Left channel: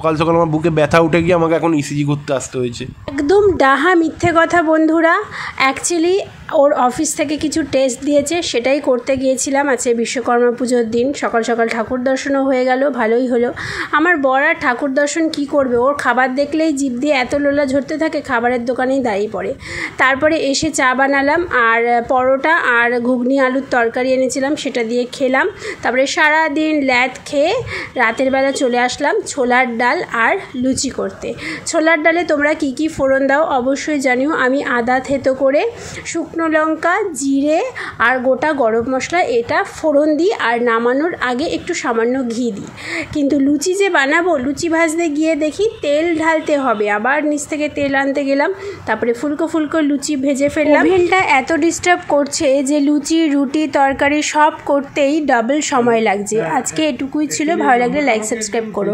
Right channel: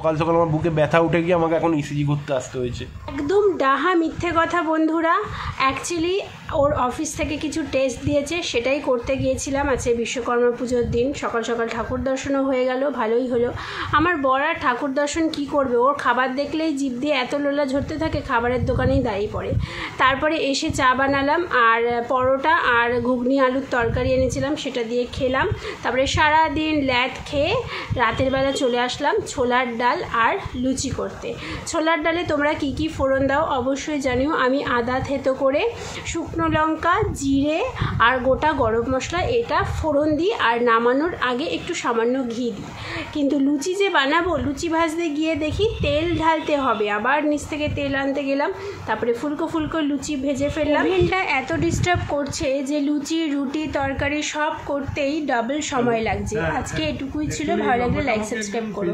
সকাল সকাল আমার বুকে ব্যথা উঠে গিয়ে আমাকে এখন ইসিজি করতে আসতে হয়েছে। একদম ডাহা মিথ্যে কথা বন্ধুরা। অ্যাকচুয়ালি ওর অফিস থেকে কিছু টেস্ট দিয়েছে, সেটাই করতে গিয়েছিলাম। আজকে বিশ্বকর্মা পুজোর দিন, সকাল সকাল ঠাকুর দর্শনও হয়ে গেল, ভালোই হলো। আমার বর আর ঠাকুর দর্শন কী করবে, ওর খাবার দেখলেই জিভ দিয়ে এত লোলা ঝরতে থাকে, খাবারের দোকানেই দাঁড়িয়ে পড়ে। তারপরে এসে চা বানালাম আর পরোটা আর ঘুগনি আলুর তরকারি এনেছিলাম, সেটা দিয়ে খেলাম। তারপরে সারাদিন ল্যাদ খেয়ে রাতের বেলা চলে আসলাম ছোলার ডাল আর লুচি করতে। ছোলার ডালে তোমরা কি কি ফোড়ন দাও অবশ্যই জানিও। আমি আদা থেতো করে, শুকনো লঙ্কা, জিরে আর গোটা গরম মশলা এটা ফোড়ন দিই, আর নামানোর আগে একটু সামান্য ঘি দিই। কিন্তু লুচি যে বানাবো, লুচি ভাজতে গিয়ে দেখি তেল ঢালতে হবে, আবার নিচ থেকে তেল আনতে গেলাম। তারপরে ফুলকো ফুলকো লুচি ভেজে ফেললাম। ওভেনটা এত ডিস্টার্ব করছে যে লুচি, রুটি, তরকারি সব করতেই ডাবল সময় লাগছে। আজকে এটুকুই ছিল, ভালো লাগলে লাইক সাবস্ক্রাইব করো।